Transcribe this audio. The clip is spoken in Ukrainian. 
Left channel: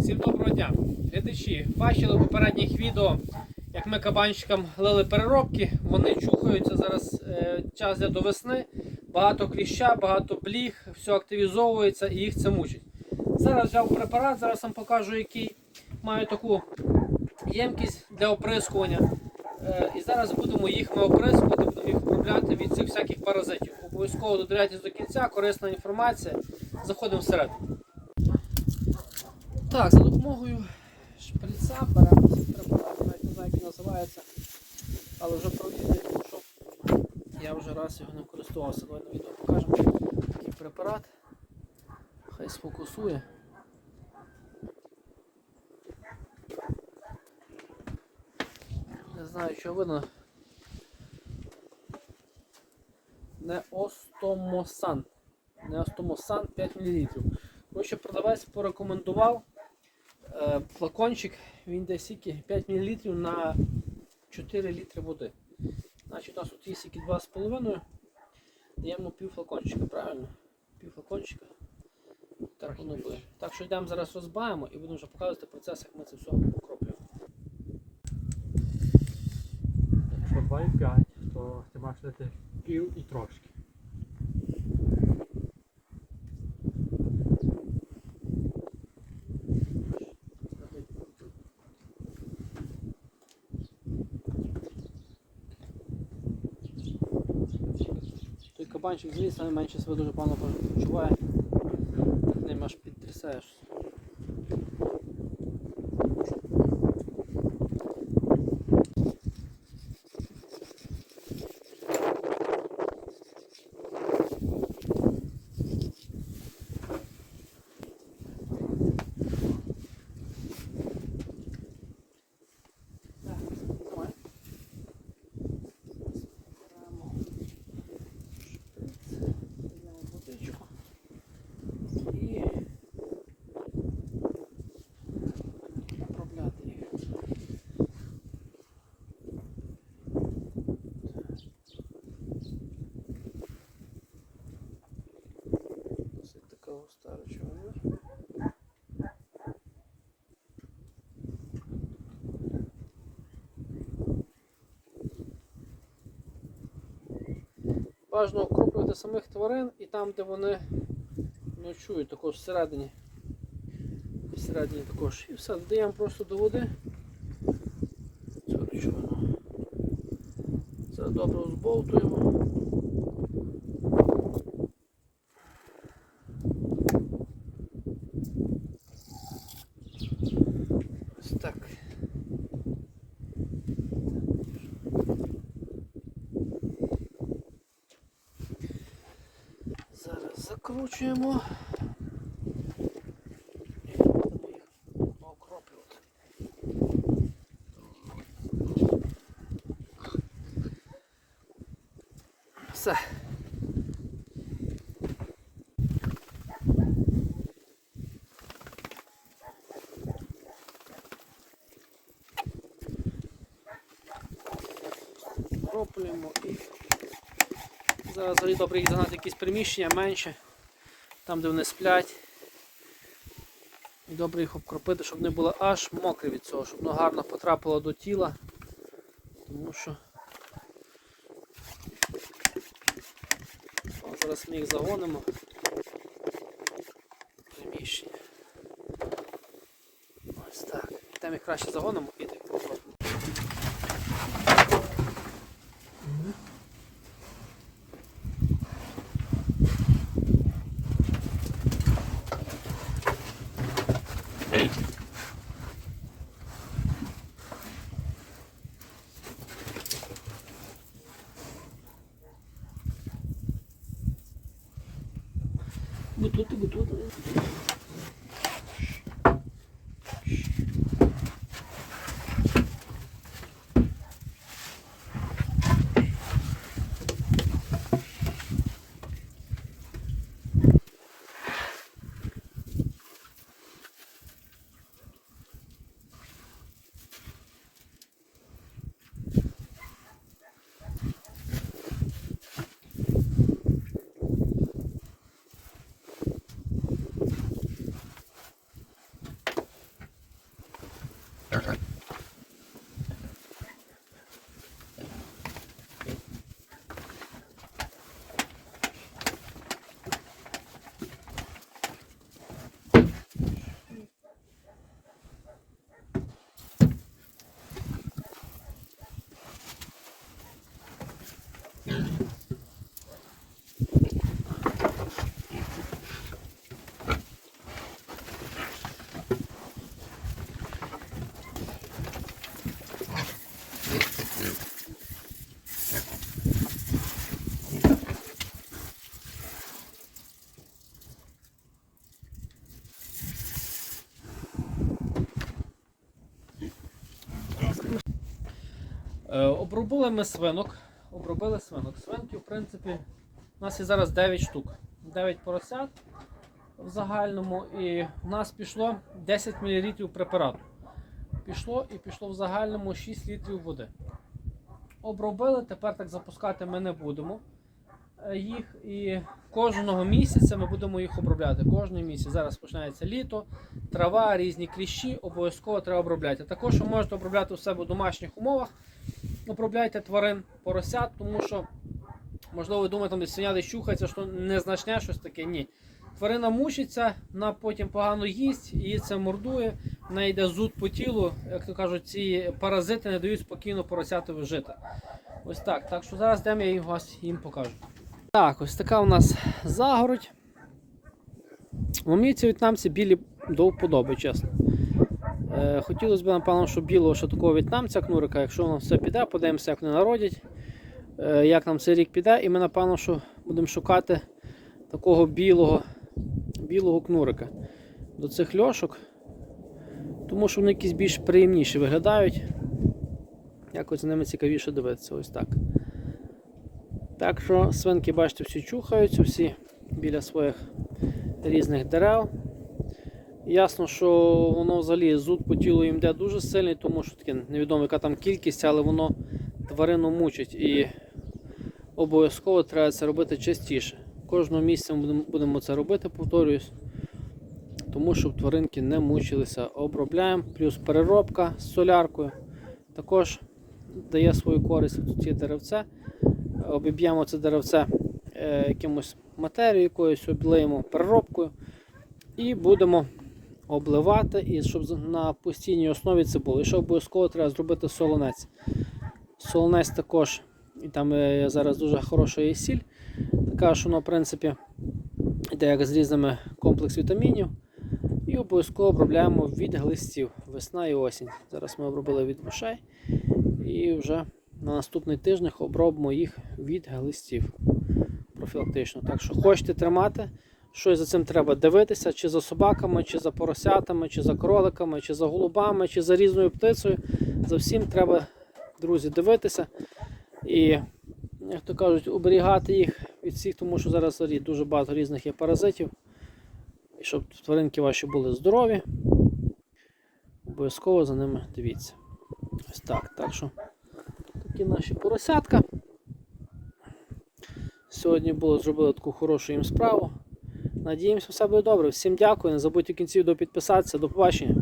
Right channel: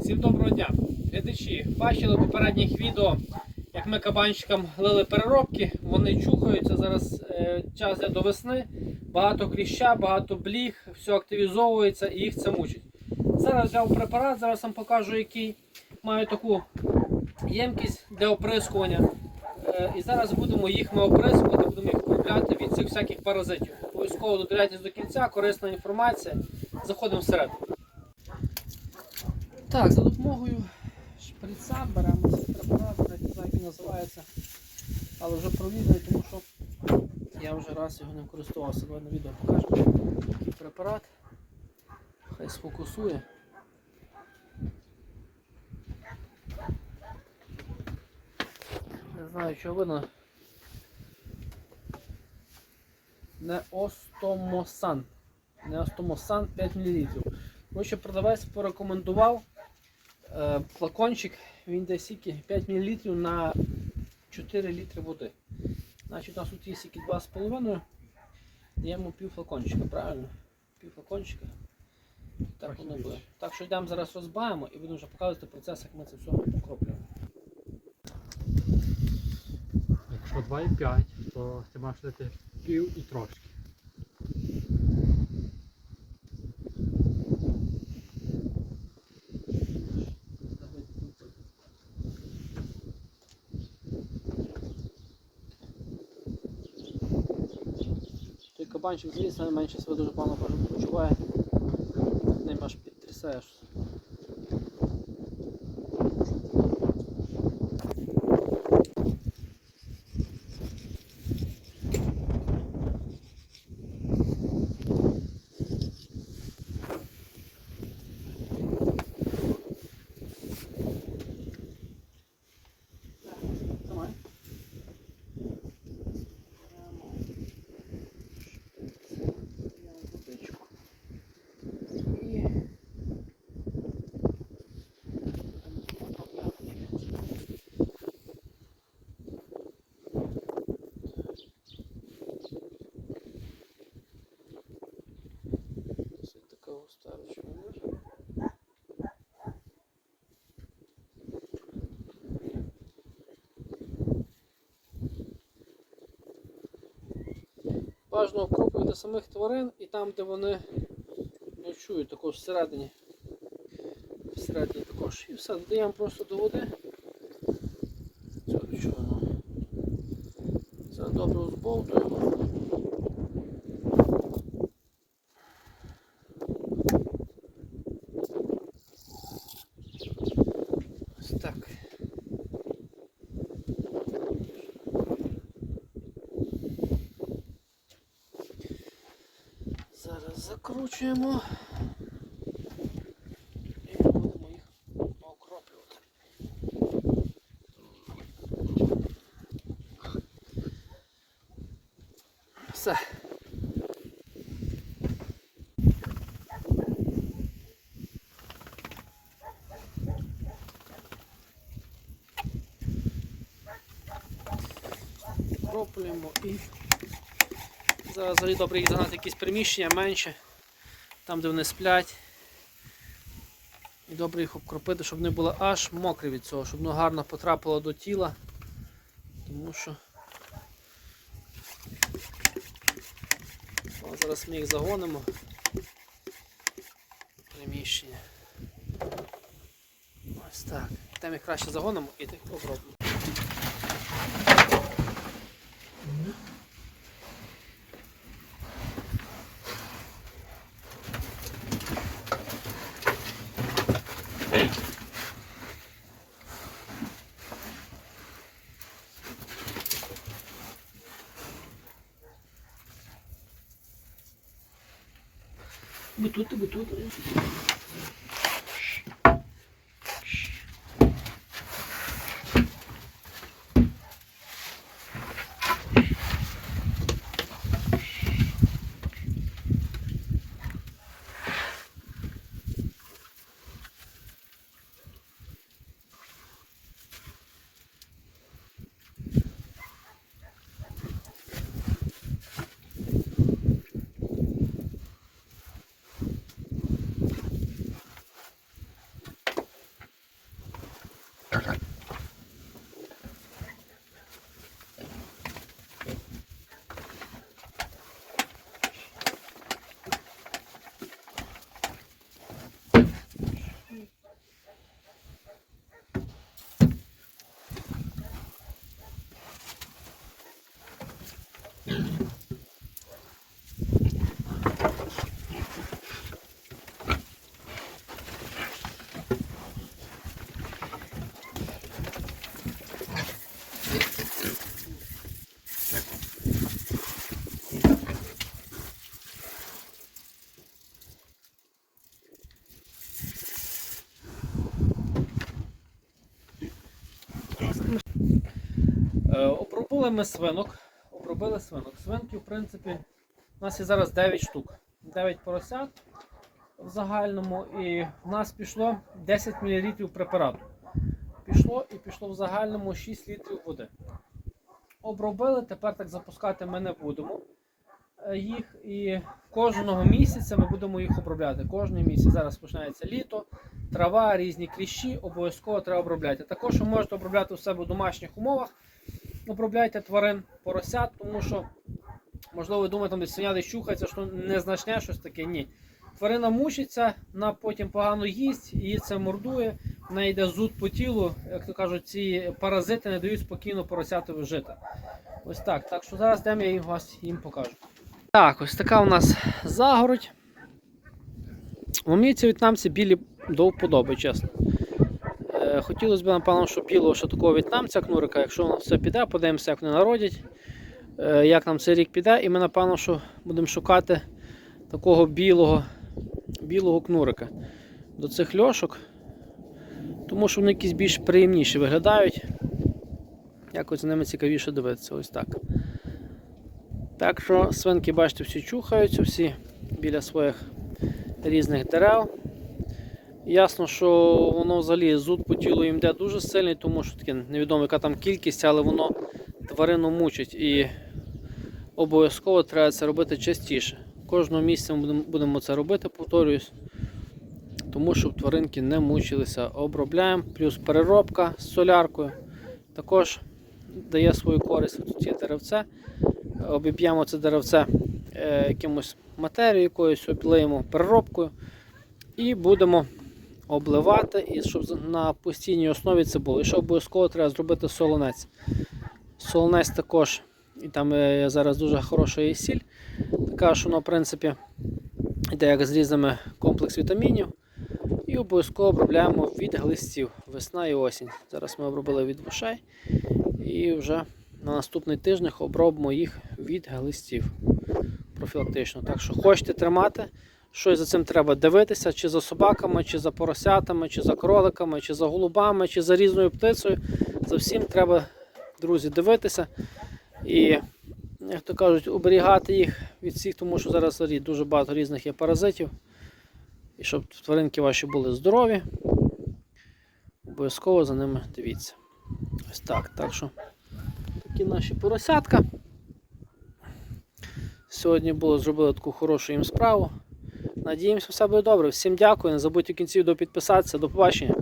Всім доброго дня! Глядачі, бачили в попередніх відео, як ми кабанчикам лили переробки, вони чухаються. Зараз е, час йде до весни, багато кліща, багато бліг, все активізовується і їх це мучить. Зараз взяв препарат, зараз вам покажу, який маю таку ємкість для оприскування. Е, і зараз будемо їх ми оприскувати, будемо їх купляти від цих всяких паразитів. Обов'язково додивляйтесь до кінця, корисна інформація. Заходимо всередину. Так, за допомогою шприца препарат, навіть не знаю, як він називається, але вже провідний, тому що я вже раз його ним користувався. Давай на відео покажемо. Такий препарат. Хай сфокусує. Не знаю, що видно. Не остомосан. Не остомосан 5 мл. Коротше, продавець порекомендував флакончик, він десь скільки 5 мл на 4 літри води. Значить, у нас тут є скільки 2,5, даємо пів флакончика, правильно? Пів флакончика. Так воно буде. Так що йдемо зараз розбавимо і будемо вже показувати процес, як ми це все покроплюємо. Якщо 2,5, то ти маєш дати пів і трошки. Кабанчик зліз, найменше себе дуже погано почуває. Так аж підтрясаєш. Важно окроплювати самих тварин і там, де вони ночують, також всередині. Всередині також. І все, додаємо просто до води. Цю речовину. Це добре збовтуємо. Ось так. Зараз закручуємо і будемо їх окроплювати. Все. Окроплюємо і Зараз взагалі добре їх загнати якісь приміщення менше, там де вони сплять. Добре їх обкропити, щоб вони були аж мокрі від цього, щоб воно гарно потрапило до тіла. Тому що О, зараз ми їх загонимо приміщення. Ось так. Там їх краще загонимо і так попробуємо. Бутути, бутути. Обробили ми свинок. Обробили свинок. Свинки, в принципі, у нас є зараз 9 штук. 9 поросят в загальному. І в нас пішло 10 мл препарату. Пішло і пішло в загальному 6 літрів води. Обробили, тепер так запускати ми не будемо е, їх. І кожного місяця ми будемо їх обробляти. Кожний місяць. Зараз починається літо, трава, різні кліщі, обов'язково треба обробляти. Також ви можете обробляти у себе в домашніх умовах. Обробляйте тварин, поросят, тому що, можливо, ви думаєте, там десь свиня десь що незначне щось таке. Ні. Тварина мучиться, вона потім погано їсть, її це мордує, в неї йде зуд по тілу. Як то кажуть, ці паразити не дають спокійно поросятові жити. Ось так. Так що зараз йдемо, я вас їм покажу. Так, ось така у нас загородь. Мені ці в'єтнамці білі до вподоби, чесно. Е, хотілося б, напевно, щоб білого ще такого в'єтнамця кнурика, якщо воно все піде, подивимося, як вони народять, е, як нам цей рік піде, і ми, напевно, що будемо шукати такого білого, білого кнурика до цих льошок, тому що вони якісь більш приємніші виглядають. Якось за ними цікавіше дивитися, ось так. Так що свинки, бачите, всі чухаються, всі біля своїх різних дерев. Ясно, що воно взагалі зуд по тілу їм йде дуже сильний, тому що таке невідомо, яка там кількість, але воно тварину мучить і обов'язково треба це робити частіше. Кожного місяця ми будемо- будемо це робити, повторююсь, тому щоб тваринки не мучилися. Обробляємо, плюс переробка з соляркою також дає свою користь. Тут є деревце. Обіб'ємо це деревце е, якимось матерією якоюсь, облиємо переробкою і будемо обливати, і щоб на постійній основі це було. І ще обов'язково треба зробити солонець. Солонець також, і там е, зараз дуже хороша є сіль. Така, що воно, в принципі, йде як з різними комплекс вітамінів. І обов'язково обробляємо від глистів весна і осінь. Зараз ми обробили від вушей і вже на наступний тиждень обробимо їх від глистів профілактично. Так що хочете тримати, щось за цим треба дивитися, чи за собаками, чи за поросятами, чи за кроликами, чи за голубами, чи за різною птицею. За всім треба, друзі, дивитися. І, як то кажуть, оберігати їх від всіх, тому що зараз дуже багато різних є паразитів. І щоб тваринки ваші були здорові, обов'язково за ними дивіться. Ось так. Так що такі наші поросятка. Сьогодні було зробили таку хорошу їм справу. Надіємося, все буде добре. Всім дякую. Не забудьте в кінці відео підписатися. До побачення.